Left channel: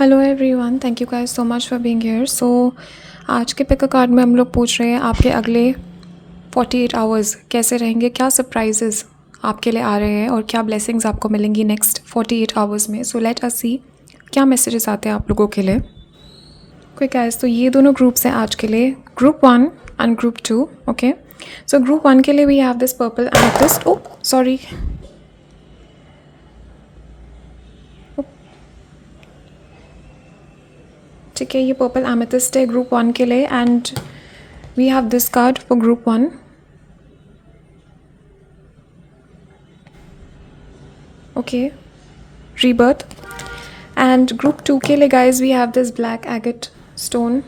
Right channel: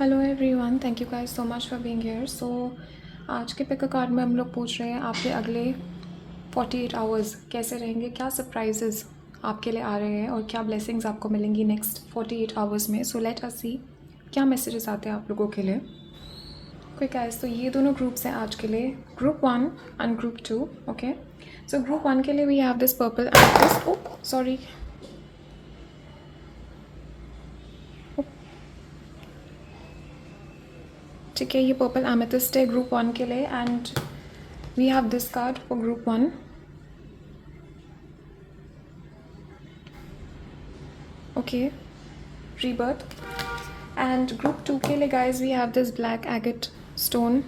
Hello everyone, thank you guys so much for being here. So आज के pick a card में हम लोग पूछ रहे हैं आपके अगले 48 आवर्स कैसे रहेंगे, क्या सरप्राइजेस आपके लिए आ रहे हैं और क्या ब्लेसिंग्स आपको मिलेंगी नेक्स्ट 48 आवर्स में। सो लेट अस सी क्या मैसेजेस आते हैं आप लोगों के लिए। ओके गाइस, तो ये दोनों ग्रुप्स हैं आज के लिए, group 1 and group 2। Okay, so group 1 के लिए we have this purple amethyst. Oh sorry, ठीक है, ये पर्पल एमेथिस्ट है ग्रुप 1 के लिए and we have this card for group 1। Okay, rebirth, and group 2 के लिए guys we have this black agate stone,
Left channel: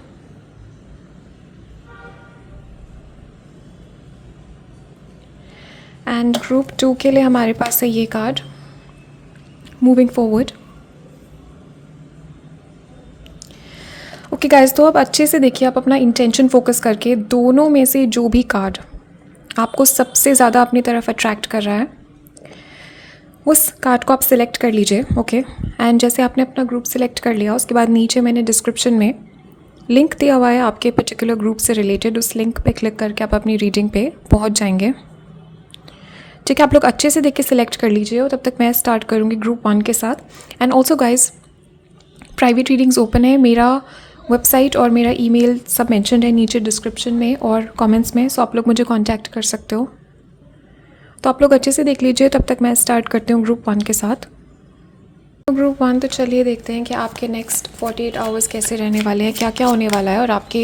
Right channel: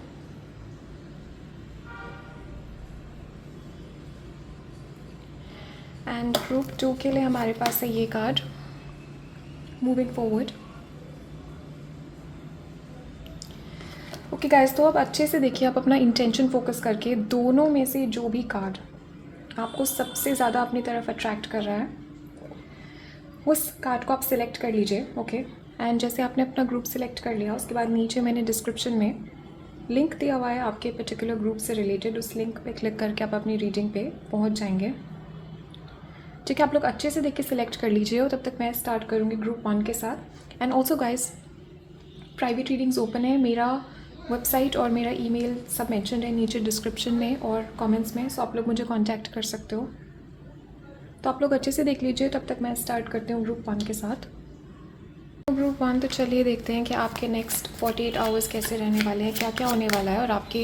and group 2 के लिए हमारे पास है ये card moving forward. Okay guys, तो अब अच्छे से देखिए, आप अपना इंटेंशन फोकस करके दोनों में से जो भी कार्ड आपको सबसे ज़्यादा अपनी तरफ अट्रैक्ट कर रहा है उस कार्ड को आप सिलेक्ट कर लीजिए। ओके, एंड जैसे आपने अपना ग्रुप सिलेक्ट कर लिया, उसके बाद नीचे मैंने डिस्क्रिप्शन में लिंक दिया हुआ है आपके पर्टिकुलर ग्रुप से रिलेटेड, उस लिंक पे क्लिक करके आप अपनी रीडिंग पे पहुंच जाएंगे। ठीक है, आप लोग अच्छे से देख के सिलेक्ट कर लीजिए और तब तक मैं स्टार्ट करूँगी ग्रुप 1 के साथ। And also guys, private readings open है, मेरा वेबसाइट और मेरा ईमेल सब मेंशन्ड है नीचे डिस्क्रिप्शन में और कमेंट्स में, सो आप लोग मुझे कांटेक्ट कर सकते हो। तो आप लोग अच्छे से देख लीजिए, तब तक मैं स्टार्ट करती हूँ ग्रुप 1 के साथ। ग्रुप 1, तो चलिए देखते हैं कि आपके नेक्स्ट 48 आवर्स कैसे रहने वाले हैं, क्या क्या होने वाला है और आपके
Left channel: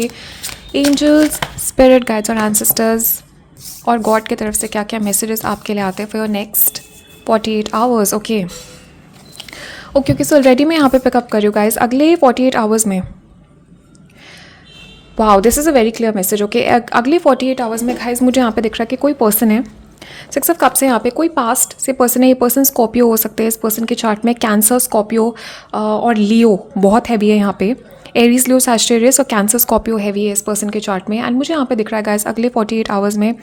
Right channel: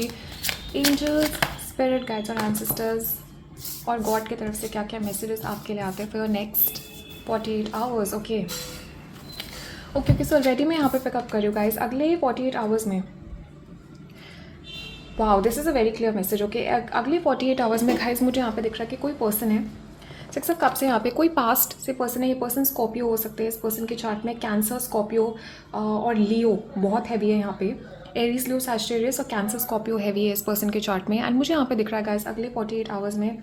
एंजल्स, स्पिरिट गाइड्स और एंसेस्टर्स और गॉड की तरफ से क्या क्या मैसेजेस आपके लिए आते हैं for your next 48 hours. Okay okay, so already मैं यहाँ पे पिकअप कर रही हूँ गाइज अगले 48 आवर्स में। Wow, this is a very clear message. Okay, अगले 48 आवर्स में गाइज मुझे यहाँ पे दिख रहा है कि कोई पर्सन है, 6 ऑफ कप्स से यहाँ पे कोई पास्ट से पर्सन है। ये पर्सन स्कॉर्पियो हो सकते हैं इस पर्सन के चार्ट में, कैंसर, स्कॉर्पियो और लियो बहुत हैवी है यहाँ पे, एरीज, लियो, सैजिटेरियस और कैंसर, स्कॉर्पियो हैवी है इस पर्सन के चार्ट में। एंड मुझे यहाँ पे दिख रहा है गाइस अगले 48 आवर्स में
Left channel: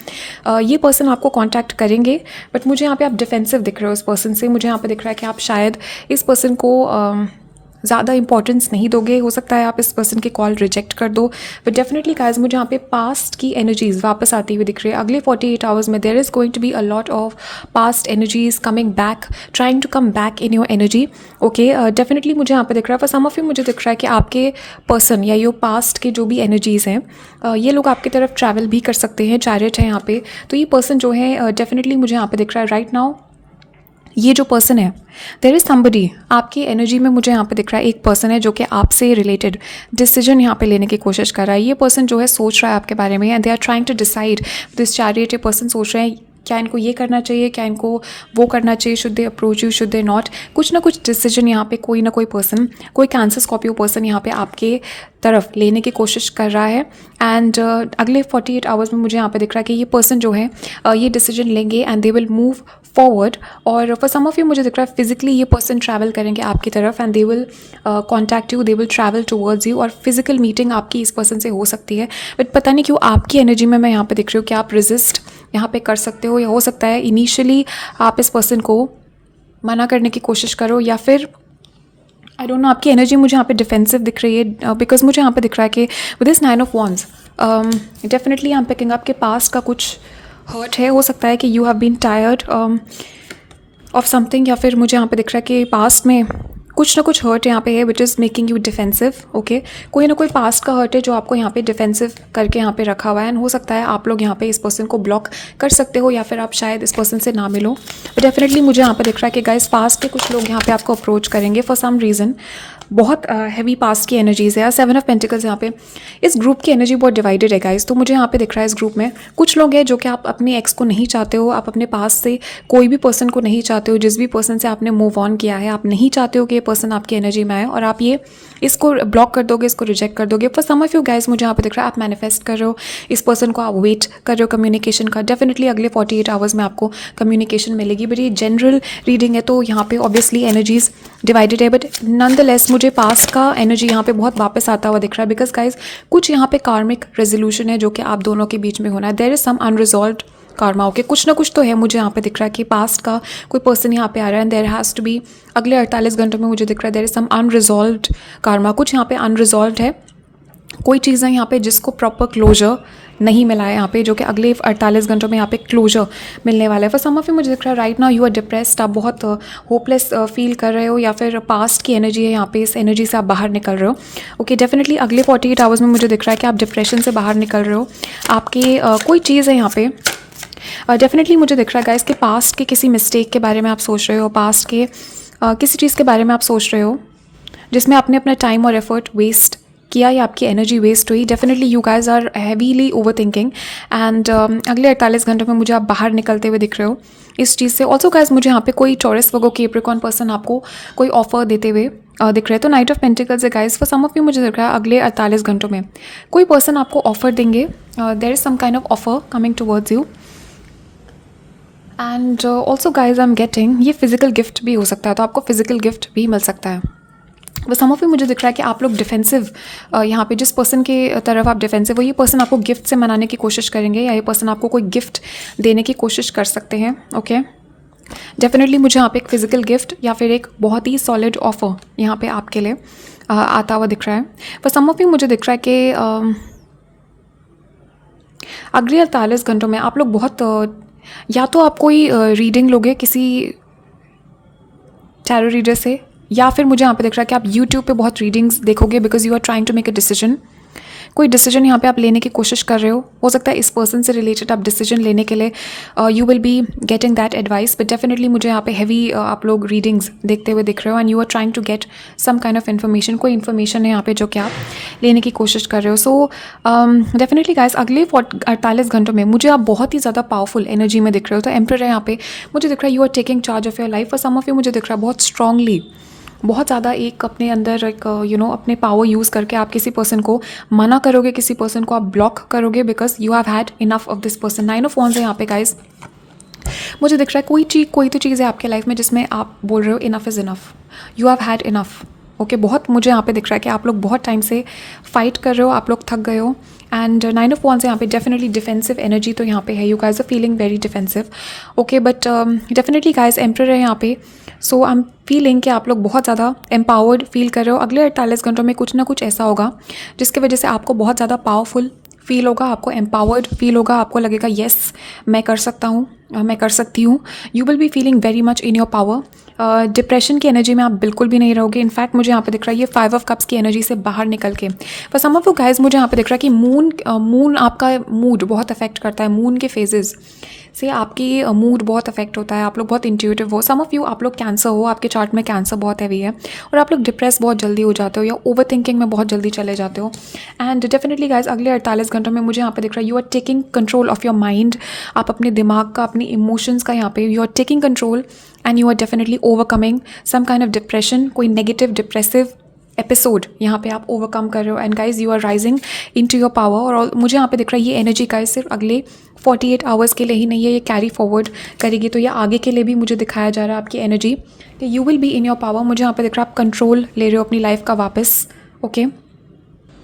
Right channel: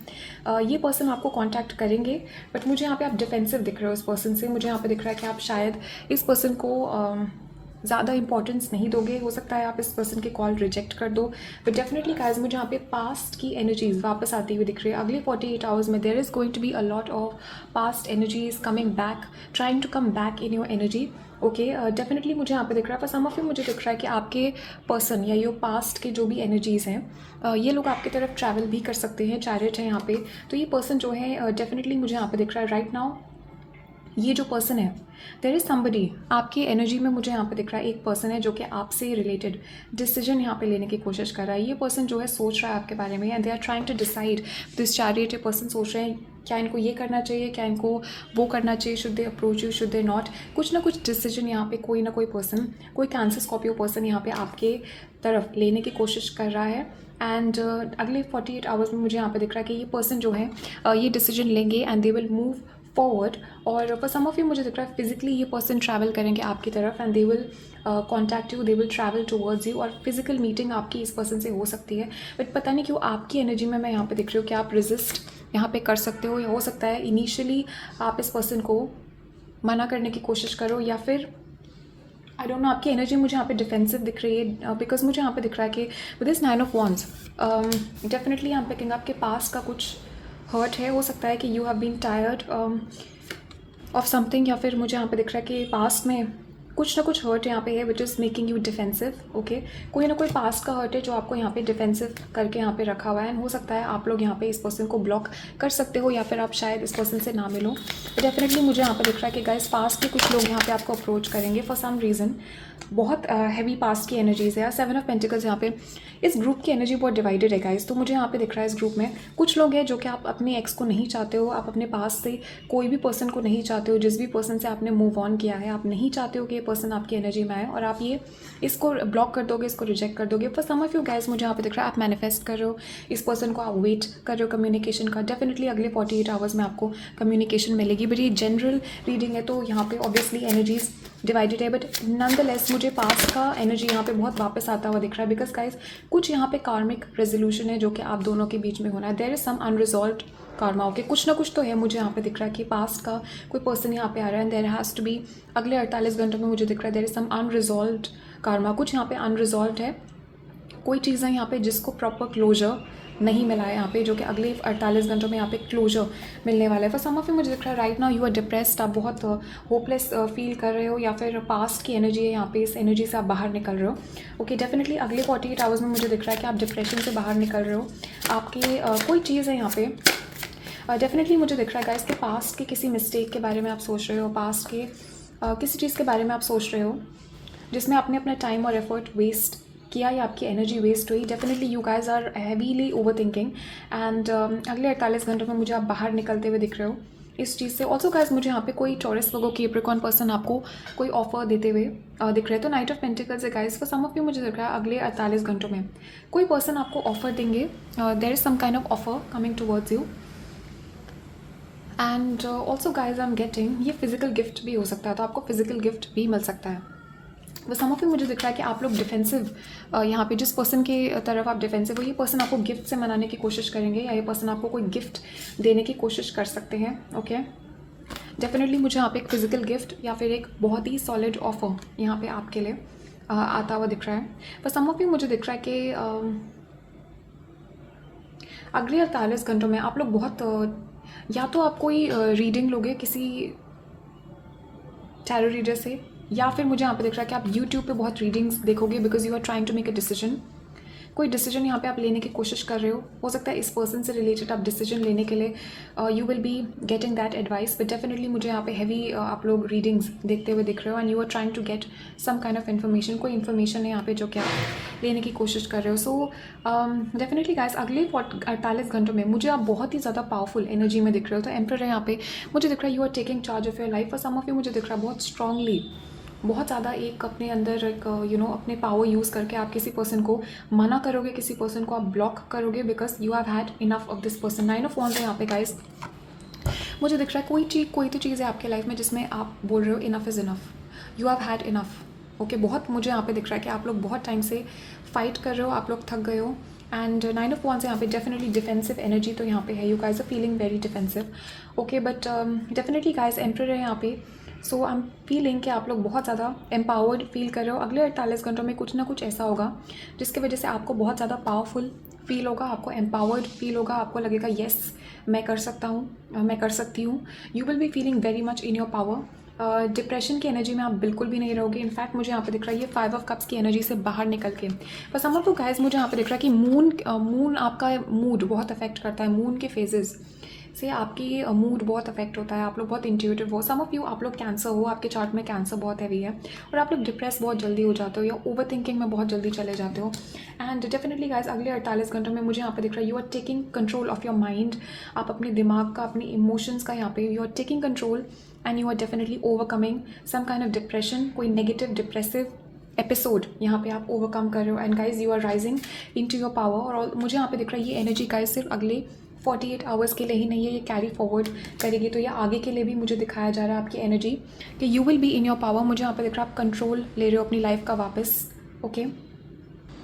ये पर्सन आपको कांटेक्ट करेंगे, बट मुझे यहाँ पे आप डिफेंसिव दिख रहे हो इस पर्सन से। मुझे यहाँ पे दिख रहा है कि आप शायद इस पर्सन को ज़्यादा इंपॉर्टेंस नहीं दोगे, हो सकता है आप इस पर्सन की कॉल रिजेक्ट कर दो, बट डेफिनेटली गाइज मुझे यहाँ पे पास्ट की एनर्जीज वापस आती हुई दिख रही है अगले 48 आवर्स में। There is going to be a lot of past energies coming back, trying to come back in your energy. Okay, definitely मुझे यहाँ पे दिख रहा है, फॉर सम ऑफ यू मुझे दिख रहा है कि आपके पर्सन या योर पास्ट के जो भी एनर्जीज़ हैं ये लोग आपकी तरफ ट्रैवल भी कर सकते हैं। चैरिट है यहाँ पे, तो ये पर्सन जो है डेफिनेटली मुझे यहाँ पे दिख रहा है राइट नाउ, ये जो पर्सन है, देयर इज़ समबडी आपकी एनर्जी में मुझे यहाँ पे दिख रहा है, एक पर्सन है जो कि आपसे रिलेटेड डिसीजन यहाँ पे लेने की कोशिश कर रहा है। ये पर्सन जो है सोच रहा है आपके बारे में, and they are trying to decide this chariot. ये पर्सन सोच रहे हैं क्या इनको ये करना चाहिए, क्या इनको वो करना चाहिए, should they approach you, should they not, कुछ ना कुछ डिसीजन यहाँ पे कोई ना कोई पर्सन, कोई कैंसर, स्कॉर्पियो पर्सन यहाँ पे आपके तरफ लेने की कोशिश कर रहा है। एंड अगले 48 आवर्स में मुझे यहाँ पे दिख रहा है कि ये पर्सन जो है ये डिसीजन लेंगे and they will move forward. और फॉर सम ऑफ यू मुझे दिख रहा है फिजिकली ये पर्सन ट्रैवल करेंगे आपकी तरफ and they will contact you, they will travel towards you, और फिजिकल मीटिंग आपकी इस पर्सन से हो सकती है। बट पता नहीं क्यों आपकी एनर्जी में मैं यहाँ पे दिख रही हूँ कि आप रेजिस्ट यहाँ पे कर सकते हो, या हो सकता है इनिशियली आप इस पर्सन को मना करने की कोशिश करो, या फिर आई डोंट नो, आपकी एनर्जी मुझे यहाँ पे डिफेंसिव दिख रही है बिकॉज मुझे यहाँ पे दिख रहा है कि with this 9 of wands definitely I am picking up के पास का कुछ हर्ट है, हो सकता है कि you have been tired of something, या फिर मुझे यहाँ पे दिख रहा है कि पास्ट में कुछ ना कुछ हर्ट यहाँ पे है which is making you defensive. Okay, कोई ना कोई पास्ट का हर्ट है जो आपको यहाँ पे डिफेंसिव करके यहाँ पे रखा हुआ है, एंड हो सकता है आप लोग यहाँ पे इस पर्सन को ब्लॉक कर सकते हो, या फिर आप शायद इस पर्सन से ना मिलो। डेफिनेटली मुझे यहाँ पे दिख रहा है कि गाइस पास्ट के कुछ लोग यहाँ पे आपको अप्रोच करेंगे फॉर सम रीज़न, बहुत हैवी पास्ट की एनर्जीज़ है। 7 ऑफ पेंटिकल्स यहाँ पे, इस ग्रुप की एनर्जी बहुत डिवाइडेड है गाइस। तो मुझे यहाँ पे दिख रहा है इस ग्रुप में कुछ लोग हैं जो कि आप अपने एक्स को नहीं चाहते हो, आप अपने पास से कोई भी पर्सन को नहीं चाहते हो, जिस भी पर्सन से आपने मूव ऑन किया है आप नहीं चाहते हो कि ये पर्सन आपकी एनर्जी में आए, और आप ये इसको ब्लॉक कर दोगे, इसको रिजेक्ट कर दोगे। For some of you guys मुझे यहाँ पे दिख रहा है आप मैनिफेस्ट कर रहे हो इस पर्सन को, आप वेट कर रहे हो कम्युनिकेशन का। डेफिनेटली अगले 48 आवर्स में आपको कम्युनिकेशन मिलेगी, बट ये जनरल रीडिंग है तो यहाँ पे ऑब्वियसली एनर्जीज डिवाइडेड है, बट नॉनदलेस मुझे पास्ट का एनर्जी यहाँ पे बहुत वापस आता हुआ दिख रहा है, बिकॉज गाइज कुछ यहाँ पे कार्मिक रेजोल्यूशन है जो कि आप दोनों के बीच में होना है। There is some unresolved karma. Okay, कुछ ना कुछ तो है, मुझे यहाँ पे दिख रहा है कि पास्ट का कोई पर्सन यहाँ पे आ रहा है and there has to be अगले 48 घंटों में मुझे दिख रहा है there is some unresolved karma. कुछ यहाँ पे अनरिजॉल्व्ड है, कोई चीज़ है यहाँ पे जिसको प्रॉपर क्लोजर नहीं मिला है यहाँ पे, जो कि अगले 48 घंटों में यहाँ पे क्लोजर मिलने वाला है। फॉर सम ऑफ यू मुझे दिख रहा है right now you are depressed, आप बहुत होपलेस फील कर रहे हो, या फिर पास्ट की एनर्जी है यहाँ पे, इस एनर्जी से आप बाहर निकल रहे हो। ओके, डेफिनेटली अगले 48 आवर्स में मुझे दिख रहा है कि आप डिप्रेशन से बाहर निकल रहे हो। आपकी कोई चीज़ है यहाँ पे, डेफिनेटली मुझे दिख रहा है गाइस कि पास्ट के किसी मिस्टेक के बारे में आप सोच रहे हो, पास्ट के किसी चीज़ के बारे में आप सोच रहे हो जिसमें आपने अपना टाइम और एफर्ट वेस्ट किया या आपकी एनर्जी वेस्ट हुई। Definitely you guys are heavily overthinking and अगले 48 घंटों में मुझे आप बाहर निकलते हुए दिख रहे हो इस चीज़ से। ऑल्सो गाइज मुझे यहाँ पे कोई टॉरस वर्गो कैप्रिकॉर्न पर्सन आपको कोई ऑफर देते हुए दिख रहे हैं। तो नाइट ऑफ पेंटिकल्स है guys, for some of you मुझे दिख रहा है अगले 48 घंटों में कोई पर्सन आपको ऑफर देंगे, there is some kind of offer coming towards you. And also guys I am getting ये फिजिकल गिफ्ट भी हो सकता है, तो आपको फिजिकल गिफ्ट भी मिल सकता है। बस सम ऑफ यू मुझे दिख रहा है कि आप लोग डिफेंसिव, यहाँ पे जिस पर्सन के तरफ आप डिफेंसिव हो, ये पर्सन आपको गिफ्ट से मनाने की कोशिश करेंगे, या ये पर्सन आपको कोई गिफ्ट देने की कोशिश कर सकते हैं। ओके, डेफिनेटली मुझे यहाँ पे एक फिजिकल गिफ्ट या फिर एक बहुत ही सॉलिड ऑफर यहाँ पे आपके लिए आता हुआ दिख रहा है। पर सम ऑफ यू मुझे दिख रहा है कि अगले 48 घंटों में आप लोग बहुत या तो आप कोई रीडिंग लोगे किसी टैरो रीडर से, या फिर मुझे यहाँ पे दिख रहा है कि आप यूट्यूब पे बहुत रीडिंग्स देखोगे because you are trying to make a decision. कोई डिसीजन यहाँ पे आप लेने की कोशिश कर रहे हो सकता है इस पर्सन से रिलेटेड आप डिसीजन लेने के लिए you will be getting that advice. But definitely मुझे यहाँ पे हैवी आप लोग रीडिंग्स देखते हुए दिख रहे हो and you are trying to get some kind of information, कोई इन्फॉर्मेशन है यहाँ पे जो कि आप लेने की कोशिश कर रहे हो। सो डेफिनेटली गाइस अगले 48 घंटों में मुझे आप बहुत ही ज़्यादा पावरफुल एनर्जी में दिख रहे हो। तो एम्परर है यहाँ पे, मुझे दिख रहा है you are taking charge of your life. और सम ऑफ यू मुझे दिख रहा है बहुत स्ट्रांगली, बहुत ज़्यादा एक अपने अंदर एक अपने पावर यूज़ करके आप किसी पर्सन को मना करोगे, किसी पर्सन को आप ब्लॉक करोगे because you have had enough of this person. 9 of wands है यहाँ पे गाइज, मुझे दिख रहा है कोई तो चीज़ है आपके लाइफ में जिसमें आप बोल रहे हो enough is enough, you have had enough. Okay, बहुत मुझे यहाँ पे दिख रहा है कि आप लोग बहुत टाइम से फाइट कर रहे हो, आप लोग थक गए हो। एंड 9 ऑफ वॉन्ड्स यहाँ पे डेफिनेटली डिफेंसिव एनर्जी तो यहाँ पे है, you guys are feeling very defensive. Okay, but definitely guys emperor है यहाँ पे, सो आई एम फीलिंग कि आप लोग बहुत ज़्यादा एम्पावर्ड फील कर रहे हो। अगले 48 घंटों में कुछ ना कुछ ऐसा होगा जिसकी वजह से आपको बहुत ज़्यादा पावरफुल फील होगा, आपको एम्पावर्ड फील होगा, आपको लगेगा येस मैं कर सकता हूँ, मैं कर सकती हूँ। You will be feeling very much in your power. Depression की एनर्जी में आप बिल्कुल भी नहीं रहोगे। इनफैक्ट मुझे यहाँ पे दिख रहा है ये 5 ऑफ कप्स की एनर्जी से बाहर निकल के, पर सम ऑफ यू गाइज मुझे यहाँ पे दिख रहा है कि मून आपका मूड बहुत अफेक्ट करता है। मून के फेजेस से आपकी मूड बहुत अफेक्ट होता है, आप लोग बहुत इंट्यूटिव हो। सम ऑफ यू आप लोग कैंसर हो, आपके चार्ट में कैंसर बहुत हैवी है और आप लोग डिप्रेस बहुत जल्दी हो जाते हो या ओवर थिंकिंग में बहुत जल्दी चले जाते हो। एंड डेफिनेटली गाइज अगले 48 घंटों में मुझे यहाँ पे दिख रहा है you are taking control of your mind. आप अपने दिमाग का, अपनी इमोशंस का यहाँ पे you are taking control and you are definitely overcoming some kind of depression, कोई नेगेटिव डिप्रेसिव एपिसोड यहाँ पे आप ओवरकम कर रहे हो। And guys you are rising into your power. और मुझे यहाँ पे दिख रहा है ये एनर्जी गाइज सिर्फ अगले 48 आवर्स के लिए ही नहीं है, ये कैरी फॉरवर्ड करेगी। तो ये आगे के लिए भी मुझे दिखाया जा रहा है आपकी एनर्जी कि you will be in your power. मुझे यहाँ पे दिख रहा है आप कंट्रोल ले रहे हो अपनी लाइफ का वापस। ओके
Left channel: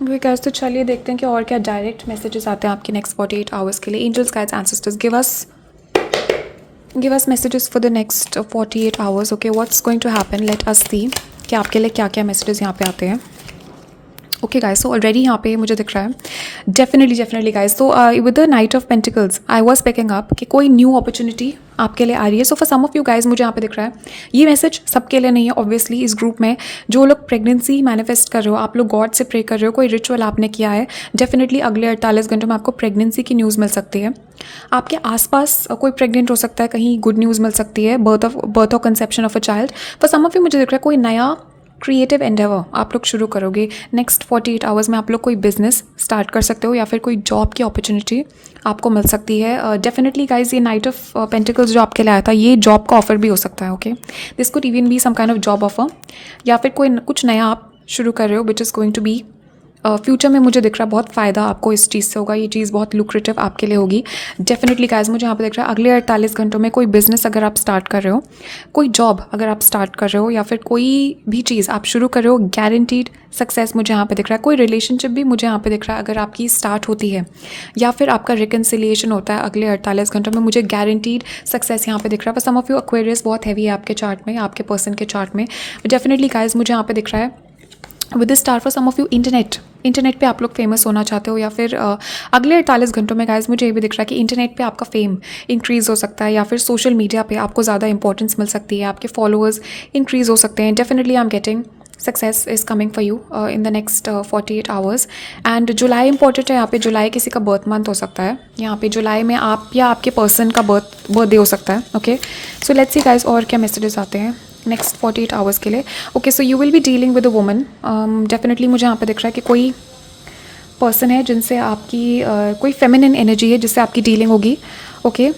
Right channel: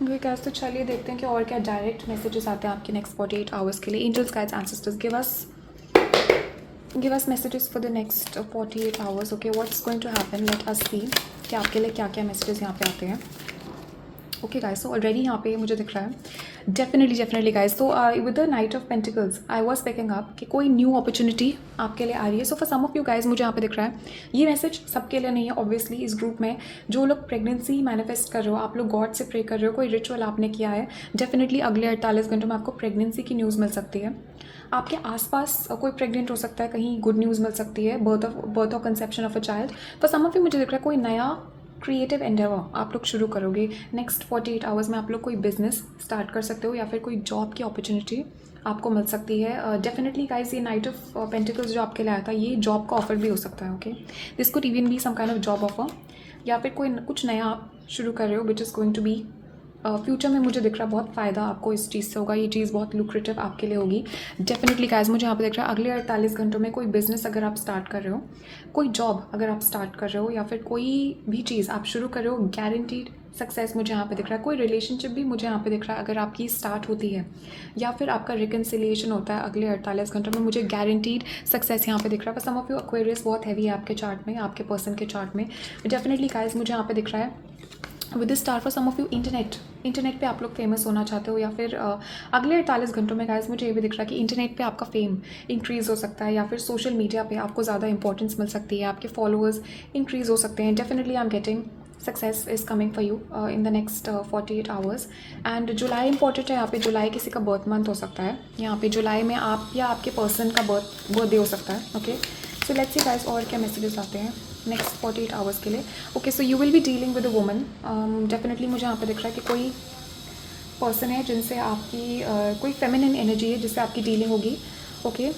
गाइस, तो चलिए देखते हैं कि और क्या डायरेक्ट मैसेजेस आते हैं आपके नेक्स्ट 48 आवर्स के लिए। Angels, guides, ancestors, give us messages for the next 48 hours. Okay, what's going to happen, let us see कि आपके लिए क्या क्या मैसेजेस यहाँ पे आते हैं। ओके गाइस, सो ऑलरेडी यहाँ पे मुझे दिख रहा है डेफिनेटली गाइस, तो with the knight of pentacles I was picking up कि कोई न्यू अपॉर्चुनिटी आपके लिए आ रही है। So for some of you guys मुझे यहाँ पे दिख रहा है ये मैसेज सबके लिए नहीं है ऑब्वियसली। इस ग्रुप में जो लोग प्रेगनेंसी मैनिफेस्ट कर रहे हो, आप लोग गॉड से प्रे कर रहे हो, कोई रिचुअल आपने किया है, डेफिनेटली अगले 48 घंटों में आपको प्रेगनेंसी की न्यूज़ मिल सकती है। आपके आसपास कोई प्रेग्नेंट हो सकता है, कहीं गुड न्यूज़ मिल सकती है, birth of conception of a child. For some of you मुझे दिख रहा है कोई नया क्रिएटिव एंडेवर आप लोग शुरू करोगे नेक्स्ट 48 आवर्स में। आप लोग कोई बिजनेस स्टार्ट कर सकते हो या फिर कोई जॉब की अपॉर्चुनिटी आपको मिल सकती है। डेफिनेटली गाइज ये नाइट ऑफ पेंटिकल्स जो आपके लिए आया था ये जॉब का ऑफर भी हो सकता है। Okay, this could even be some kind of job offer, या फिर कोई कुछ नया आप शुरू कर रहे हो which is going to be future में मुझे दिख रहा है बहुत फ़ायदा आपको इस चीज़ से होगा, ये चीज़ बहुत लुक्रेटिव आपके लिए होगी डेफिनेटली गाइस। मुझे यहाँ पे दिख रहा है अगले 48 घंटों में कोई बिज़नेस अगर आप स्टार्ट कर रहे हो, कोई जॉब अगर आप स्टार्ट कर रहे हो, या फिर कोई भी चीज़ आप शुरू कर रहे हो, गारंटीड सक्सेस मुझे यहाँ पे दिख रहा है। कोई रिलेशनशिप भी मुझे यहाँ पे दिख रहा है अगर आपकी स्टार्ट होती है, या फिर आपका रिकन्सिलिएशन होता है अगले 48 घंटों में, मुझे गारंटीड सक्सेस यहाँ पे दिख रहा है। पर सम ऑफ यू एक्वेरियस बहुत हैवी है आपके चार्ट में, आपके पर्सन के चार्ट में डेफिनेटली गाइस। मुझे यहाँ पे दिख रहा है with the star for some of you internet पे आप लोग फेमस होना चाहते हो, या फिर अगले 48 घंटों में गाइस मुझे ये भी दिख रहा है कि इंटरनेट पे आपका फेम इंक्रीज़ हो सकता है, या फिर सोशल मीडिया पे आपको ज़्यादा इंपॉर्टेंस मिल सकती है, आपके फॉलोअर्स इंक्रीज़ हो सकते हैं। Definitely I am getting success is coming for you in the next 48 hours. And July important है यहाँ पे। जुलाई किसी का बर्थ मंथ हो सकता है यहाँ पे, जुलाई में आप या आपके पर्सन का बर्थडे हो सकता है। Okay, so let's see guys और क्या मैसेजेस आते हैं नेक्स्ट 48 आवर्स के लिए। Okay, so you will be dealing with a woman. Definitely मुझे यहाँ पे दिख रहा है कि कोई पर्सन है जिनसे आपकी कोई फेमिनिन एनर्जी है जिससे आपकी डीलिंग होगी। ओके,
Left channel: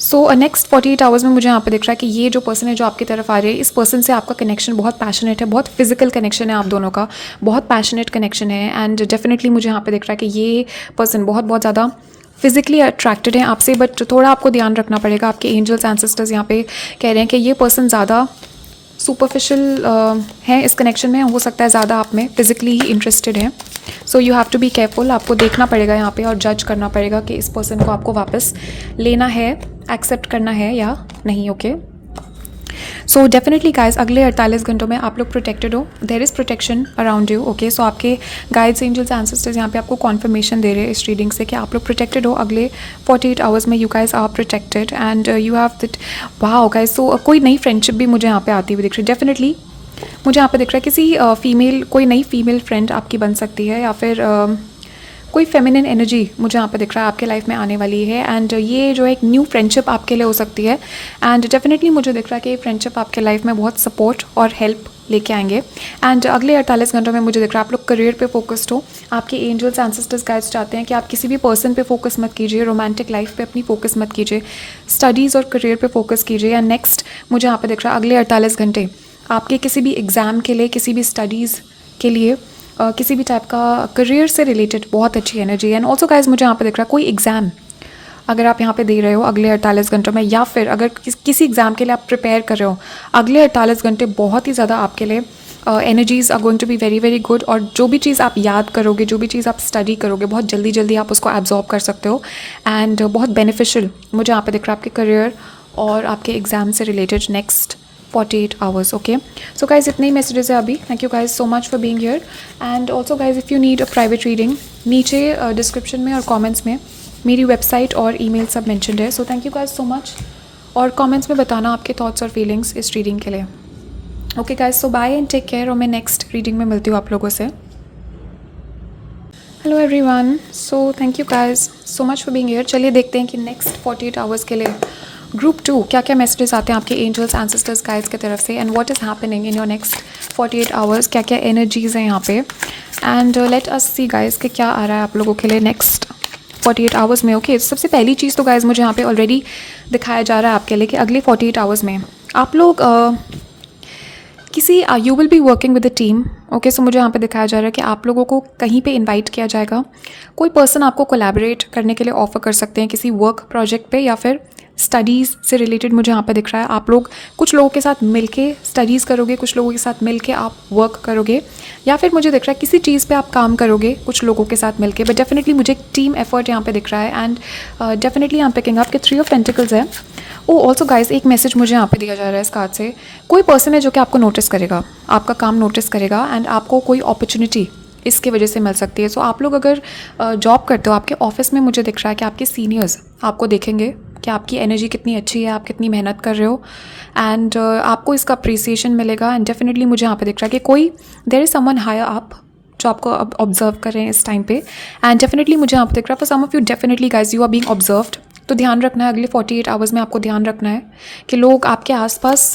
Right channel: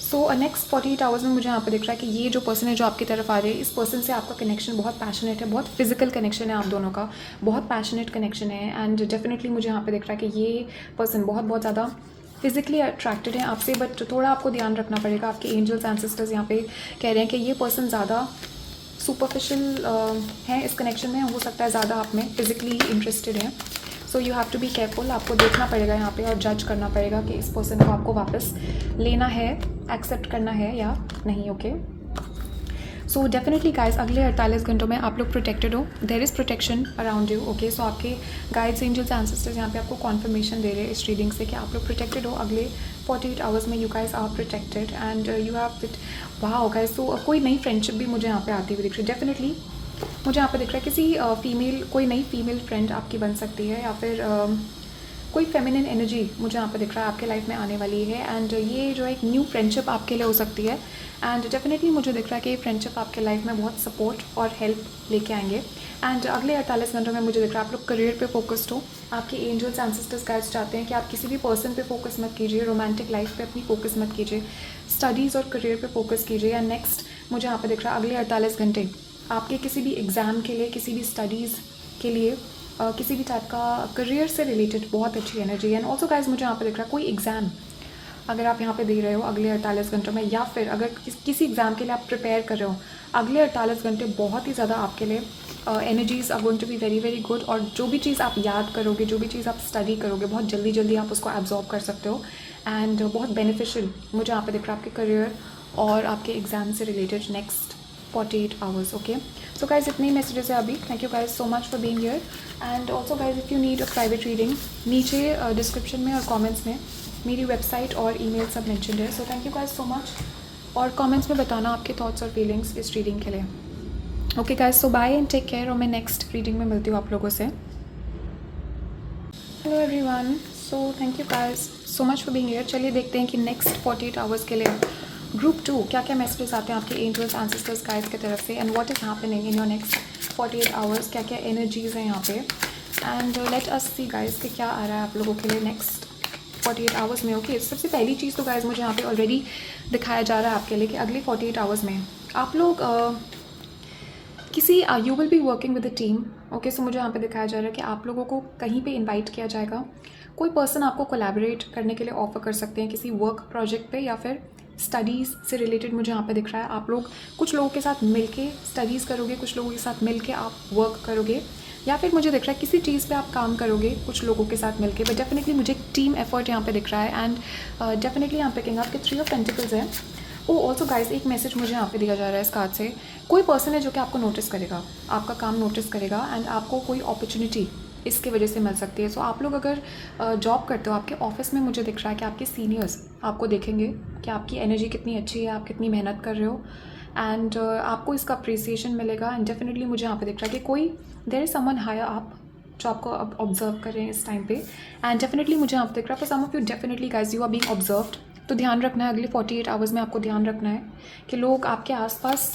सो नेक्स्ट 48 आवर्स में मुझे यहाँ पे दिख रहा है कि ये जो पर्सन है जो आपकी तरफ आ रही है, इस पर्सन से आपका कनेक्शन बहुत पैशनेट है, बहुत फिजिकल कनेक्शन है आप दोनों का, बहुत पैशनेट कनेक्शन है। एंड डेफिनेटली मुझे यहाँ पे दिख रहा है कि ये पर्सन बहुत बहुत ज़्यादा फिजिकली अट्रैक्टेड है आपसे, बट थोड़ा आपको ध्यान रखना पड़ेगा। आपके एंजल्स एंसेस्टर्स यहाँ पे कह रहे हैं कि ये पर्सन ज़्यादा सुपरफिशियल है इस कनेक्शन में, हो सकता है ज़्यादा आप में फिजिकली ही इंटरेस्टेड है। So you have to be careful. आपको देखना पड़ेगा यहाँ पे और जज करना पड़ेगा कि इस पर्सन को आपको वापस लेना है, एक्सेप्ट करना है या नहीं। ओके, सो डेफिनेटली गाइज अगले 48 घंटों में आप लोग प्रोटेक्टेड हो, there is protection around you. Okay, so आपके गाइड्स एंजल्स एंसेस्टर्स यहाँ पे आपको कॉन्फर्मेशन दे रहे हैं इस रीडिंग से कि आप लोग प्रोटेक्टेड हो अगले 48 आवर्स में। You guys are protected and you have that. Wow guys, so कोई नई फ्रेंडशिप भी मुझे यहाँ पे आती हुई दिख रही है। डेफिनेटली मुझे यहाँ पे दिख रहा है किसी फीमेल, कोई नई फीमेल फ्रेंड आपकी बन सकती है, या फिर कोई फेमिनिन एनर्जी मुझे यहाँ पे दिख रहा है आपके लाइफ में आने वाली है। एंड ये जो एक न्यू फ्रेंडशिप आपके लिए हो सकती है। एंड डेफिनेटली मुझे दिख रहा है कि ये फ्रेंडशिप आपके लाइफ में बहुत सपोर्ट और हेल्प लेके आएंगे। एंड अगले 48 घंटों में मुझे दिख रहा है आप लोग करियर पे फोकस्ड हो। आपके एंजल्स एंसेस्टर्स गाइड्स चाहते हैं कि आप किसी भी पर्सन पे फोकस मत कीजिए, रोमांटिक लाइफ पे अपनी फोकस मत कीजिए, स्टडीज़ और करियर पे फोकस कीजिए। एंड नेक्स्ट मुझे यहाँ पे दिख रहा है अगले 48 घंटे आपके किसी भी एग्ज़ाम के लिए, किसी भी स्टडीज़ के लिए, किसी भी टाइप का करियर से रिलेटेड बहुत अच्छी एनर्जी है। एंड ऑल्सो गाइज मुझे यहाँ पे दिख रहा है कोई एग्ज़ाम अगर आप यहाँ पे दे रहे हो अगले 48 घंटों में, या फिर अगर किसी एग्ज़ाम के लिए आप प्रिपेयर कर रहे हो, अगले 48 घंटे बहुत ही ज़्यादा आपके लिए energies are going to be very very good. और जो भी चीज़ आप याद करोगे, जो भी चीज़ आप स्टडी करोगे, बहुत जल्दी जल्दी आप उसको एब्जॉर्ब कर सकते हो। एंड बहुत बेनिफिशियल मुझे यहाँ पे दिख रहा है आपके करियर और आपके एग्ज़ाम से related next 48 hours. Okay, so guys इतने ही मैसेजेस है अभी। Thank you guys so much for being here. And also guys if you need a private reading, नीचे डिस्क्रिप्शन में और कमेंट्स में मेरी वेबसाइट और ईमेल सब मेंशन्ड है। So thank you guys so much, और कमेंट्स में बताना आपके थॉट्स और फीलिंग्स इस रीडिंग के लिए। Okay guys, so bye and take care, और मैं नेक्स्ट रीडिंग में मिलती हूँ आप लोगों से। Hello everyone, so thank you guys so much for being here. चलिए देखते हैं कि नेक्स्ट 48 आवर्स के लिए ग्रुप 2 क्या क्या मैसेजेस आते हैं आपके एंजल्स एंसेस्टर्स गाइड्स की तरफ से, and what is happening in your next 48 hours, क्या क्या एनर्जीज़ हैं यहाँ पे। And let us see guys कि क्या आ रहा है आप लोगों के लिए नेक्स्ट 48 आवर्स में। ओके, सबसे पहली चीज़ तो गाइज मुझे यहाँ पे ऑलरेडी दिखाया जा रहा है आपके लिए कि अगले 48 आवर्स में आप लोग किसी you will be working with a team. Okay, so मुझे यहाँ पे दिखाया जा रहा है कि आप लोगों को कहीं पे इनवाइट किया जाएगा, कोई पर्सन आपको कोलैबोरेट करने के लिए ऑफर कर सकते हैं किसी वर्क प्रोजेक्ट पे, या फिर स्टडीज़ से रिलेटेड मुझे यहाँ पे दिख रहा है आप लोग कुछ लोगों के साथ मिलके स्टडीज़ करोगे, कुछ लोगों के साथ मिलके आप वर्क करोगे, या फिर मुझे दिख रहा है किसी चीज़ पे आप काम करोगे कुछ लोगों के साथ मिलके। बट डेफिनेटली मुझे एक टीम एफर्ट यहाँ पे दिख रहा है। एंड डेफिनेटली यहाँ पिकिंग अप के 3 ऑफ पेंटिकल्स है। ओ ऑल्सो गाइज एक मैसेज मुझे यहाँ पे दिया जा रहा है इस कार्ड से, कोई पर्सन है जो कि आपको नोटिस करेगा, आपका काम नोटिस करेगा, एंड आपको कोई अपॉर्चुनिटी इसके वजह से मिल सकती है। सो आप लोग अगर जॉब करते हो, आपके ऑफिस में मुझे दिख रहा है कि आपके सीनियर्स आपको देखेंगे कि आपकी एनर्जी कितनी अच्छी है, आप कितनी मेहनत कर रहे हो, एंड आपको इसका अप्रिसिएशन मिलेगा। एंड डेफिनेटली मुझे यहाँ पे दिख रहा है कि कोई there is someone higher up जो आपको अब ऑब्जर्व कर रहे हैं इस टाइम पे। एंड डेफिनेटली मुझे यहाँ पे दिख रहा है for some of you definitely guys you are being observed. तो ध्यान रखना है अगले 48 आवर्स में, आपको ध्यान रखना है कि लोग आपके आसपास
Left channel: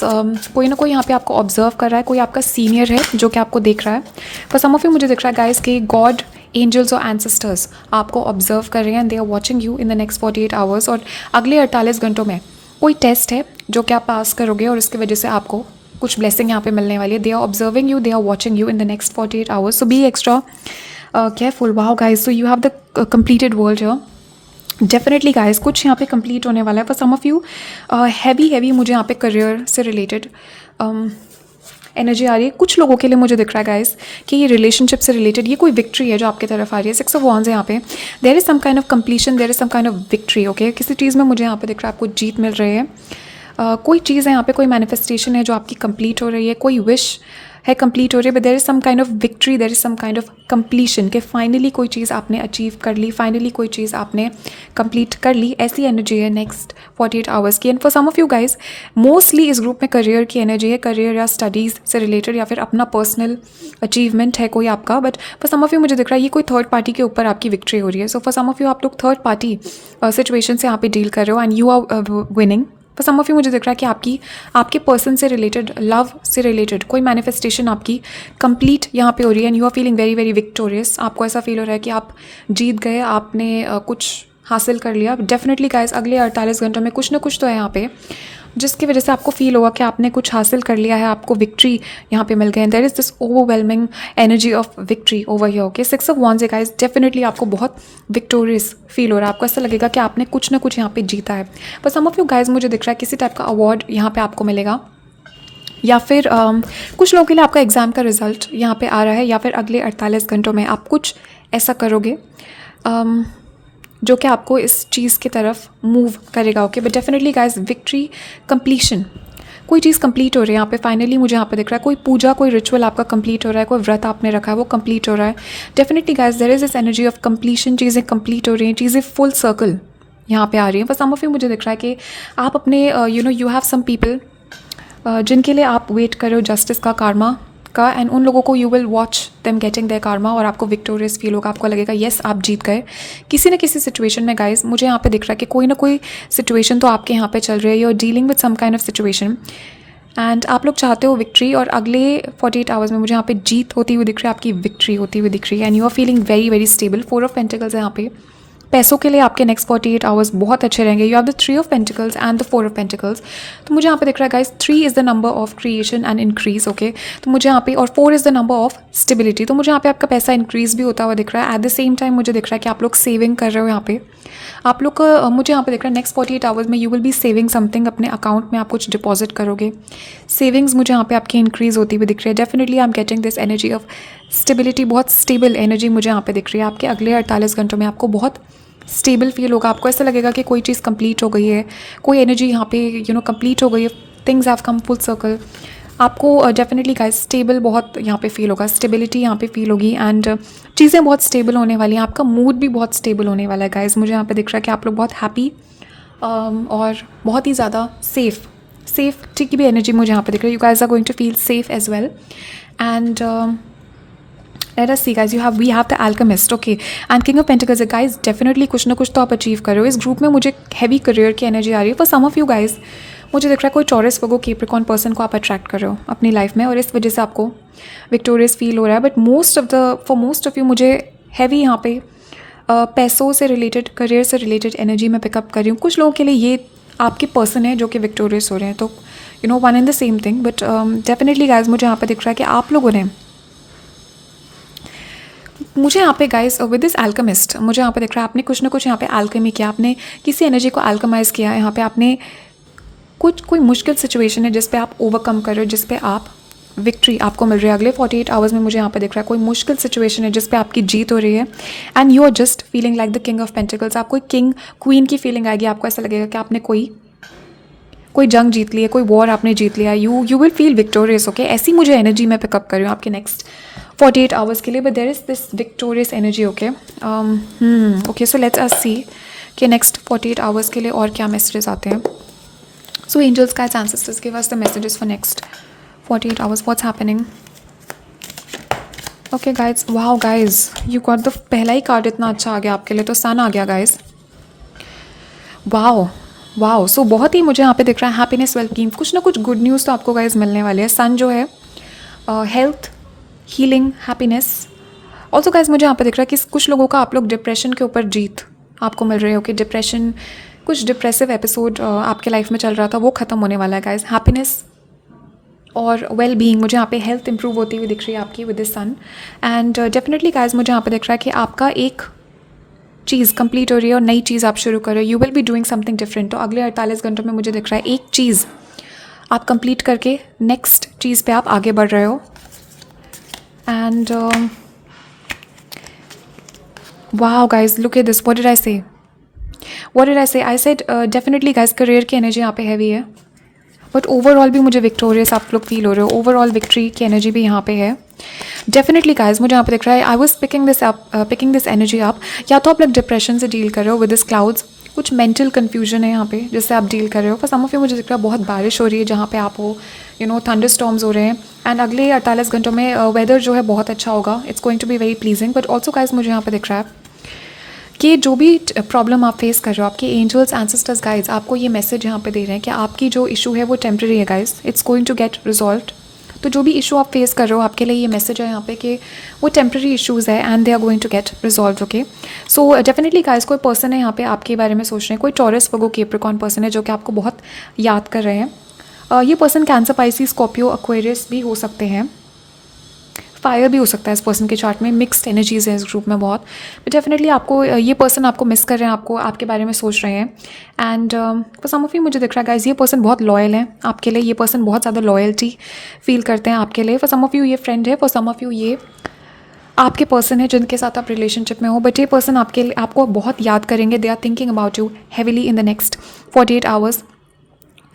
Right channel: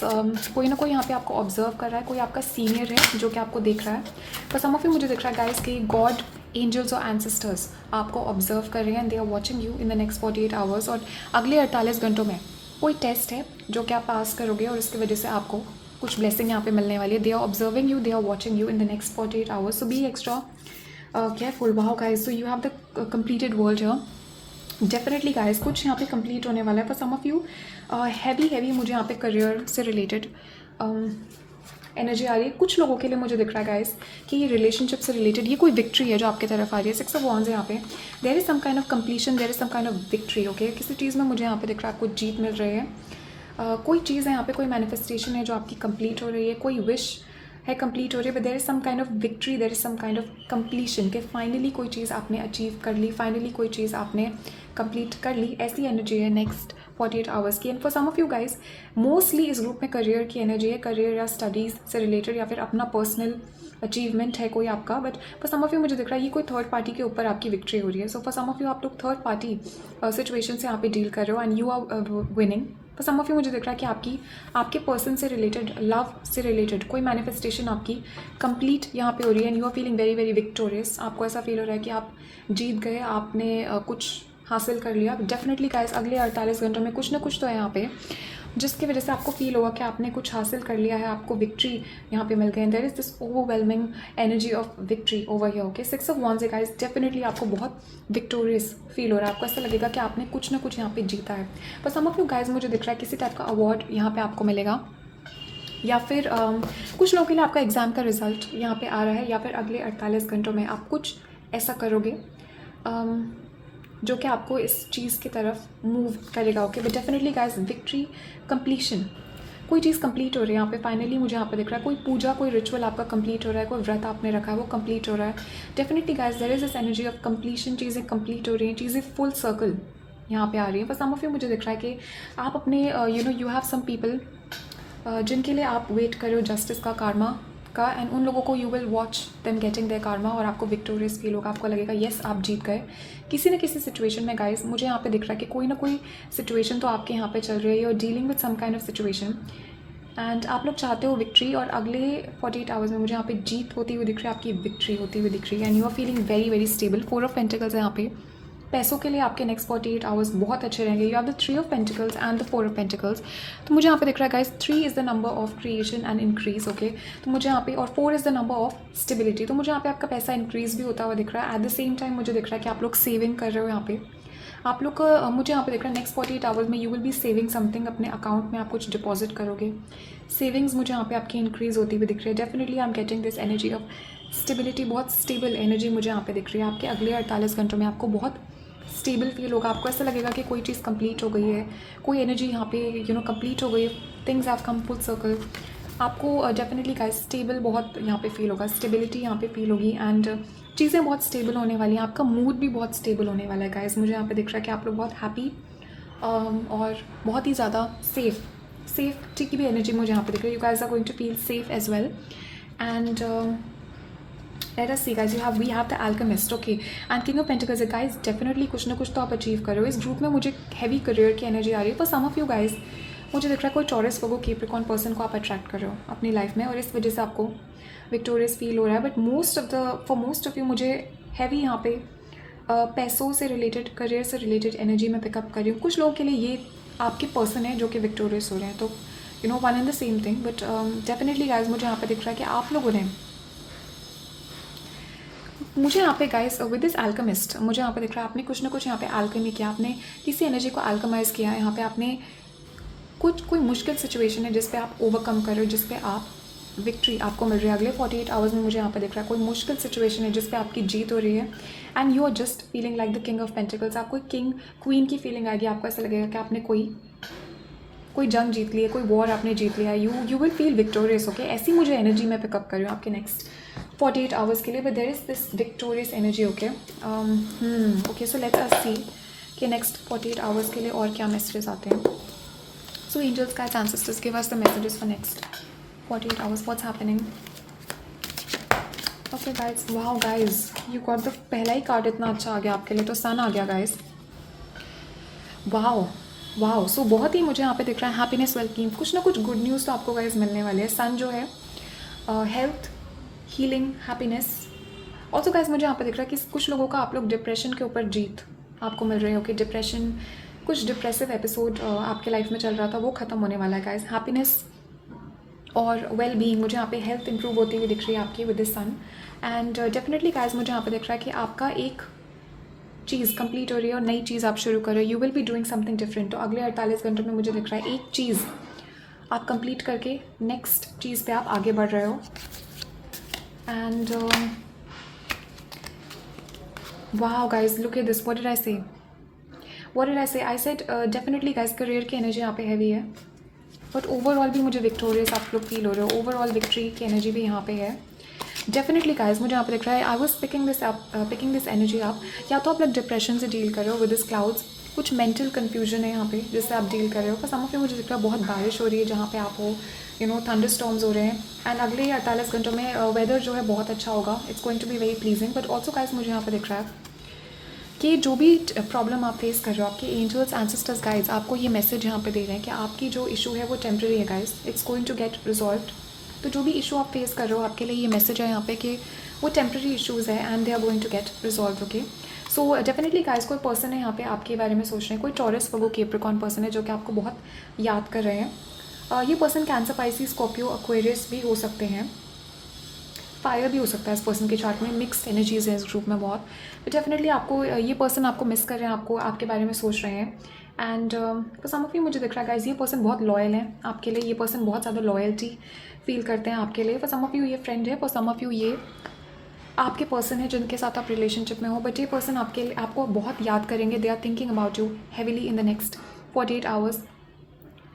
कोई ना कोई यहाँ पे आपको ऑब्जर्व कर रहा है, कोई आपका सीनियर है जो कि आपको देख रहा है। फॉर सम ऑफ यू मुझे दिख रहा है गाइज कि गॉड, एंजल्स और एंसेस्टर्स आपको ऑब्जर्व कर रहे हैं, and they are watching you in the next 48 hours. और अगले 48 घंटों में कोई टेस्ट है जो कि आप पास करोगे और इसकी वजह से आपको कुछ ब्लेसिंग यहाँ पे मिलने वाली है. They are observing you, they are watching you in the next 48 hours. So be extra careful. Wow guys, so you have the completed world here. Definitely guys कुछ यहाँ पे कंप्लीट होने वाला है for some of you. Heavy मुझे यहाँ पे career से रिलेटेड एनर्जी आ रही है. कुछ लोगों के लिए मुझे दिख रहा है गाइस कि ये रिलेशनशिप से रिलेटेड ये कोई विक्ट्री है जो आपकी तरफ आ रही है. 6 ऑफ वांड्स है यहाँ पे. There is some kind of completion, there is some kind of victory. Okay, किसी चीज़ में मुझे यहाँ पे दिख रहा है आपको जीत मिल रही है. कोई चीज़ है यहाँ पे, कोई मैनिफेस्टेशन है जो आपकी कंप्लीट हो रही है, कोई विश है कंप्लीट हो रही है. But there is some kind of victory, there is some kind of completion कि फाइनली कोई चीज़ आपने अचीव कर ली, फाइनली कोई चीज़ आपने कंप्लीट कर ली. ऐसी एनर्जी है नेक्स्ट 48 आवर्स की. And for some of you guys mostly इस ग्रुप में करियर की एनर्जी है. करियर या स्टडीज़ से रिलेटेड या फिर अपना पर्सनल अचीवमेंट है कोई आपका. But for some of you मुझे दिख रहा है ये कोई थर्ड पार्टी के ऊपर आपकी विक्ट्री हो रही है. So for some of you आप लोग थर्ड पार्टी सिचुएशन से यहाँ पे डील कर रहे हो and you are winning. For some of you मुझे दिख रहा है कि आपके पर्सन से रिलेटेड, लव से रिलेटेड कोई मैनिफेस्टेशन आपकी कंप्लीट यहाँ पे हो रही है and you are feeling very very victorious. आपको ऐसा फील हो रहा है कि आप जीत गए, आपने कुछ हासिल कर लिया. डेफिनेटली गाइस अगले 48 घंटों में कुछ ना कुछ तो है यहाँ पे जिसकी वजह से आपको फील होगा कि आपने कुछ हासिल कर लिया है, आपको विक्ट्री यहाँ पे मिल गए. There is this overwhelming energy of victory over here. Okay, 6 of wands है गाइस. डेफिनेटली आपको बहुत विक्टोरियस फील हो रहा है. आपको ऐसा लगेगा कि आपने कुछ ना कुछ यहाँ पे जीता है. पर सम ऑफ यू गाइस मुझे दिख रहा है किसी टाइप का अवार्ड यहाँ पे आपको मिलेगा या फिर कुछ लोगों के लिए आपका एग्ज़ाम का रिजल्ट यहाँ पे आ रहा है या फिर अगले 48 घंटों में आप कुछ ऐसा करोगे जो कि आपको इस चीज़ की तरफ मूव करेगा. Okay, but definitely guys victory, completion, कोई चीज़ कंप्लीट हो रही है यहाँ पे. फाइनली मुझे यहाँ पे दिख रहा है कोई पूजा, कोई रिचुअल आपका कंप्लीट हो रहा है, कोई व्रत आपने रखा है वो कंप्लीट हो रहा है. Definitely guys there is this energy of completion. चीज़ें कंप्लीट हो रही हैं, चीज़ें फुल सर्कल यहाँ पे आ रही हैं. फॉर सम ऑफ यू मुझे दिख रहा है कि आप अपने यू हैव सम पीपल जिनके लिए आप वेट कर रहे हो जस्टिस का, कार्मा का, एंड उन लोगों को you will watch them getting their karma और आपको विक्टोरियस फील होगा. आपको लगेगा येस आप जीत गए किसी न किसी सिचुएशन में. गाइस मुझे यहाँ पे दिख रहा है कि कोई ना कोई सिचुएशन तो आपके यहाँ पे चल रही है. You are dealing with some kind of situation and आप लोग चाहते हो विक्ट्री और अगले 48 आवर्स में मुझे यहाँ पे जीत होती हुई दिख रही है, आपकी विक्ट्री होती हुई दिख रही है and you are feeling very very stable. 4 of pentacles है यहाँ पे. पैसों के लिए आपके नेक्स्ट 48 आवर्स बहुत अच्छे रहेंगे. You have the 3 of pentacles and the 4 of pentacles. तो मुझे यहाँ पे दिख रहा है guys 3 is the number of creation and increase. Okay, तो मुझे यहाँ पे और 4 is the number of stability. तो मुझे यहाँ पे आपका पैसा इंक्रीज भी होता हुआ दिख रहा है. एट द सेम टाइम मुझे दिख रहा है कि आप लोग सेविंग कर रहे हो यहाँ पे. आप लोग का मुझे यहाँ पे दिख रहा है नेक्स्ट 48 आवर्स में you will B saving something. अपने अकाउंट में आप कुछ डिपॉजिट करोगे. सेविंग्स मुझे यहाँ पे आपकी इंक्रीज होती हुई दिख रही है. Definitely I am getting this energy of stability. बहुत स्टेबल एनर्जी मुझे यहाँ पे दिख रही है. आपके अगले 48 घंटों में आपको बहुत स्टेबल फील होगा. आपको ऐसा लगेगा कि कोई चीज़ कंप्लीट हो गई है, कोई एनर्जी यहाँ पे कंप्लीट हो गई है. Things have come full circle. आपको डेफिनेटली गाइस स्टेबल बहुत यहाँ पे फील होगा, स्टेबिलिटी यहाँ पे फील होगी एंड चीज़ें बहुत स्टेबल होने वाली हैं. आपका मूड भी बहुत स्टेबल होने वाला है गाइस. मुझे यहाँ पे दिख रहा है कि आप लोग बहुत हैप्पी और बहुत ही ज़्यादा सेफ्टी की भी एनर्जी मुझे यहाँ पे दिख रही है. You guys are going to feel safe as well and let us see guys, we have the alchemist. Okay, and king of pentacles guys. definitely कुछ ना कुछ तो आप अचीव कर रहे हो. इस ग्रुप में मुझे हैवी करियर की एनर्जी आ रही है. For some of you guys मुझे दिख रहा है कोई टॉरस, वर्गो, कैप्रिकॉर्न पर्सन को आप अट्रैक्ट कर रहे हो अपनी लाइफ में और इस वजह से आपको विक्टोरियस फील हो रहा है. But for most of you मुझे हैवी यहाँ पे पैसों से रिलेटेड, करियर से रिलेटेड एनर्जी में पिकअप कर रही हूँ. कुछ लोगों के लिए ये आपके पर्सन है जो कि विक्टोरियस हो रहे हैं. तो one and the same thing. But definitely guys मुझे यहाँ पे दिख रहा है कि आप लोगों ने मुझे यहाँ पे गाइस विद दिस अल्केमिस्ट मुझे यहाँ पे दिख रहा है आपने कुछ ना कुछ यहाँ पे अल्केमी किया. आपने किसी एनर्जी को अल्केमाइज़ किया. यहाँ पे आपने कोई मुश्किल सिचुएशन है जिस पे आप ओवरकम कर रहे हो, जिस पे आप विक्ट्री आपको मिल रही है. अगले 48 आवर्स में मुझे यहाँ पे दिख रहा है कोई मुश्किल सिचुएशन है जिस पे आपकी जीत हो रही है and you are just feeling like the king of pentacles. आपको किंग क्वीन की फीलिंग आएगी. आपको ऐसा लगेगा कि आपने कोई जंग जीत ली है, कोई वॉर आपने जीत लिया. You will feel victorious. Okay, ऐसी मुझे एनर्जी मैं पिकअप कर रही हूँ आपके नेक्स्ट 48 आवर्स के लिए. But there is this victorious energy. Okay okay, so let's us see कि नेक्स्ट 48 आवर्स के लिए और क्या मैसेजेस आते हैं. So angels, guides, ancestors, give us the messages for next 48 hours. What's happening? Okay guides, wow guys, you got the पहला ही card इतना अच्छा आ गया आपके लिए. तो सन आ गया गाइज. वाओ सो बहुत ही मुझे यहाँ पे दिख रहा है हैप्पीनेस, वेलकीम, कुछ ना कुछ गुड न्यूज़ तो आपको गाइज मिलने वाले हैं. सन जो है health, healing, happiness. Also guys मुझे यहाँ पे दिख रहा है कि कुछ लोगों का आप लोग डिप्रेशन के ऊपर जीत आपको मिल रही है. ओके, डिप्रेशन, कुछ डिप्रेसिव एपिसोड आपके लाइफ में चल रहा था वो ख़त्म होने वाला है गाइज. हैप्पीनेस, और वेल बीइंग, मुझे यहाँ पे हेल्थ इंप्रूव होती हुई दिख रही है आपकी with the sun. And definitely guys मुझे यहाँ पे दिख रहा है कि आपका एक चीज़ कंप्लीट हो रही है और नई चीज़ आप शुरू कर रहे हो। You will be doing something different. तो अगले 48 घंटों में मुझे दिख रहा है एक चीज़ आप कंप्लीट करके नेक्स्ट चीज़ पे आप आगे बढ़ रहे हो। And wow guys, look at this, what did I say, I said definitely guys career की एनर्जी यहाँ पे हैवी है, बट ओवरऑल भी मुझे विक्टोरियस आप लोग फील हो रहे हो। ओवरऑल विक्ट्री की एनर्जी भी यहाँ पे है डेफिनेटली गाइज। मुझे यहाँ पे दिख रहा है I was picking this energy up. या तो आप लोग डिप्रेशन से डील कर रहे हो विद दिस क्लाउड्स, कुछ मेंटल कन्फ्यूजन है यहाँ पे जिससे आप डील कर रहे हो। फॉर सम ऑफ यू मुझे दिख रहा है बहुत बारिश हो रही है जहाँ पे आप हो, यू नो थंडर स्टॉर्म्स हो रहे हैं। एंड अगले 48 घंटों में वेदर जो है बहुत अच्छा होगा, it's going to be very pleasing. But also guys मुझे यहाँ पे दिख रहा है कि जो भी प्रॉब्लम आप फेस कर रहे हो, आपके एंजल्स एंसेस्टर्स गाइड्स आपको ये मैसेज यहाँ पे दे रहे हैं कि आपकी जो इशू है वो टेम्प्रेरी है guys, it's going to get resolved. तो जो भी इशू आप फेस कर रहे हो आपके लिए ये मैसेज है यहाँ पे कि वो टेम्प्रेरी इशूज़ है and they are going to get resolve. Okay, so definitely guys कोई पर्सन है यहाँ पे आपके बारे में सोच रहे हैं, कोई टॉरस वर्गो कैप्रिकॉर्न पर्सन है जो कि आपको बहुत याद कर रहे हैं। ये person cancer, Pisces, Scorpio, Aquarius भी हो सकते हैं, फायर भी हो सकता है इस पर्सन के चार्ट में। मिक्स्ड एनर्जीज है इस ग्रुप में बहुत। डेफिनेटली आपको ये पर्सन आपको मिस कर रहे हैं, आपको आपके बारे में सोच रहे हैं। And for some of you मुझे दिख रहा है गाइज ये पर्सन बहुत लॉयल है आपके लिए, ये पर्सन बहुत ज़्यादा लॉयल्टी फील करते हैं आपके लिए। फॉर सम ऑफ यू ये फ्रेंड है, फॉर सम ऑफ यू ये आपके पर्सन है जिनके साथ आप रिलेशनशिप में हो। बट ये पर्सन आपके लिए आपको बहुत याद करेंगे, they are thinking about you heavily in the next 48 hours.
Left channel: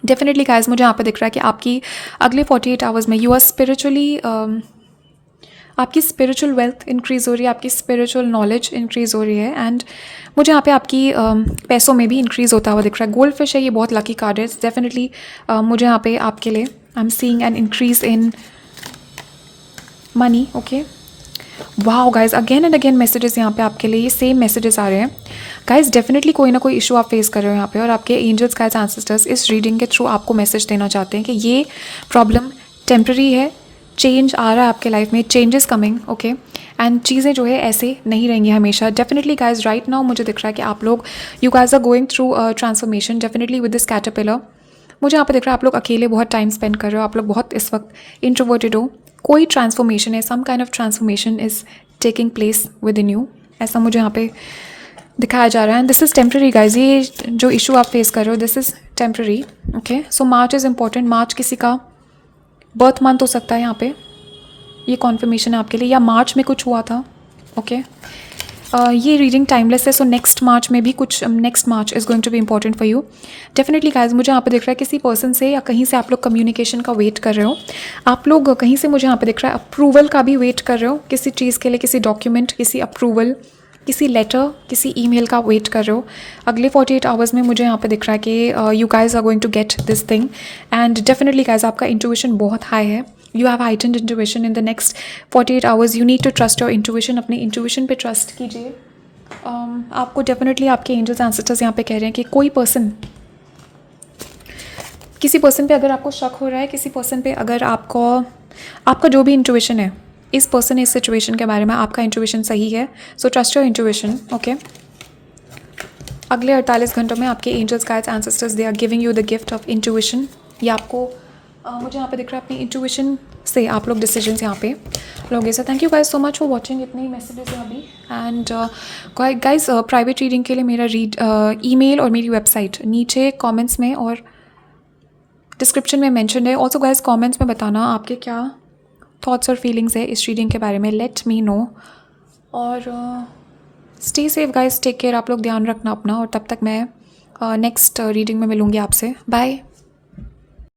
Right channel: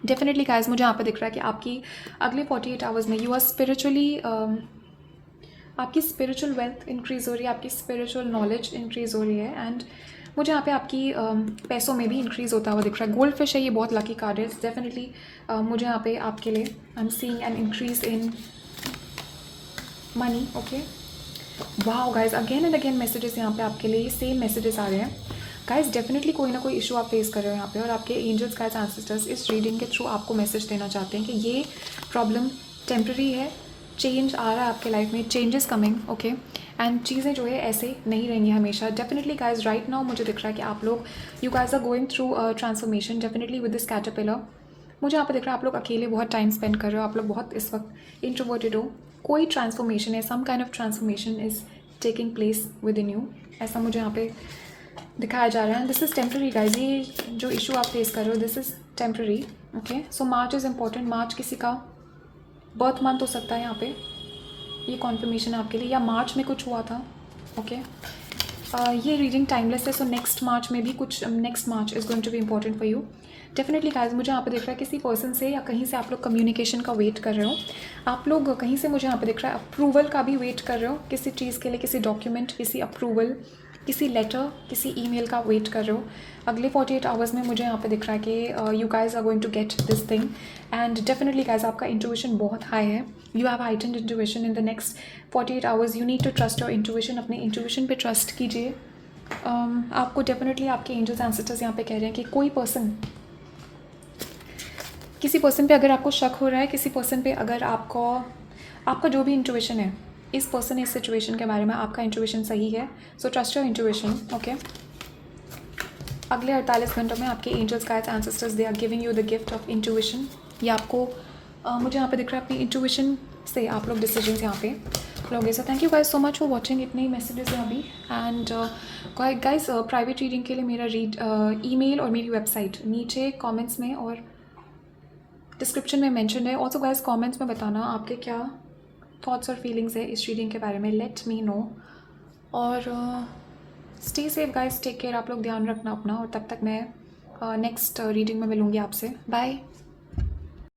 Definitely guys मुझे यहाँ पे दिख रहा है कि आपकी अगले 48 आवर्स में यू आर स्पिरिचुअली, आपकी स्पिरिचुअल वेल्थ इंक्रीज़ हो रही है, आपकी स्पिरिचुअल नॉलेज इंक्रीज़ हो रही है। एंड मुझे यहाँ पे आपकी पैसों में भी इंक्रीज़ होता हुआ दिख रहा है। गोल्ड फिश है, ये बहुत लकी कार्ड है डेफिनेटली। मुझे यहाँ पे आपके लिए I am seeing an increase in money. Okay, wow guys, again and again messages यहाँ पे आपके लिए, ये सेम मैसेजेस आ रहे हैं गाइज। डेफिनेटली कोई ना कोई इशू आप फेस कर रहे हो यहाँ पे, और आपके एंजल्स गाइड्स एंसेस्टर्स इस रीडिंग के थ्रू आपको मैसेज देना चाहते हैं कि ये प्रॉब्लम टेम्प्रेरी है, चेंज आ रहा है आपके लाइफ में, चेंजेस कमिंग। ओके, एंड चीज़ें जो है ऐसे नहीं रहेंगी हमेशा। डेफिनेटली गाइज राइट नाउ मुझे दिख रहा है कि आप लोग, you guys are going through transformation definitely with this caterpillar. मुझे यहाँ पे दिख रहा है आप लोग अकेले बहुत टाइम स्पेंड कर रहे हो, आप लोग बहुत इस वक्त इंट्रोवर्टेड हो। कोई ट्रांसफॉर्मेशन है, some kind of transformation is taking place within you, ऐसा मुझे यहाँ पे दिखाया जा रहा है। And this is temporary guys, ये जो इशू आप फेस कर रहे हो this is temporary. Okay, so March is important. March किसी का बर्थ मंथ हो सकता है यहाँ पे, ये कॉन्फर्मेशन है आपके लिए, या मार्च में कुछ हुआ था। ओके, ये रीडिंग टाइमलेस है, सो नेक्स्ट मार्च में भी कुछ, next March is going to be important for you definitely guys. मुझे यहाँ पे दिख रहा है किसी पर्सन से या कहीं से आप लोग कम्युनिकेशन का वेट कर रहे हो। आप लोग कहीं से, मुझे यहाँ पे दिख रहा है अप्रूवल का भी वेट कर रहे हो किसी चीज़ के लिए, किसी डॉक्यूमेंट, किसी अप्रूवल, किसी लेटर, किसी ईमेल का वेट कर रहे हो। अगले 48 आवर्स में मुझे यहाँ पे दिख रहा है कि you guys are going to get this thing. And definitely guys आपका इंट्यूशन बहुत हाई है, you have heightened intuition in the next 48 hours. You need to trust your intuition, अपनी इंट्यूशन पे ट्रस्ट कीजिए। आपको डेफिनेटली आपके एंजल्स एंसेस्टर्स यहाँ पे कह रहे हैं कि कोई पर्सन, किसी पर्सन पे अगर आपको शक हो रहा है, किसी पर्सन पे अगर आपका जो भी इंट्यूशन है, इस पर्सन, इस सिचुएशन के बारे में आपका इंट्यूशन सही है, so trust your intuition. Okay, अगले 48 घंटों में आपके angels guides ancestors they are giving you the gift of intuition. ये आपको मुझे यहाँ पे दिख रहा है अपनी इंट्यूशन से आप लोग डिसीजंस यहाँ पे लोगे। So thank you guys so much for watching, इतने ही मैसेजेस हैं अभी। एंड गाइज प्राइवेट रीडिंग के लिए मेरा ईमेल और मेरी वेबसाइट नीचे कमेंट्स में और डिस्क्रिप्शन में मेंशन है। ऑल्सो गाइज कमेंट्स में बताना आपके क्या थॉट्स और फीलिंग्स है इस रीडिंग के बारे में, लेट मी नो। और stay safe guys, take care, आप लोग ध्यान रखना अपना। और तब तक मैं नेक्स्ट रीडिंग में मिलूँगी आपसे, बाय।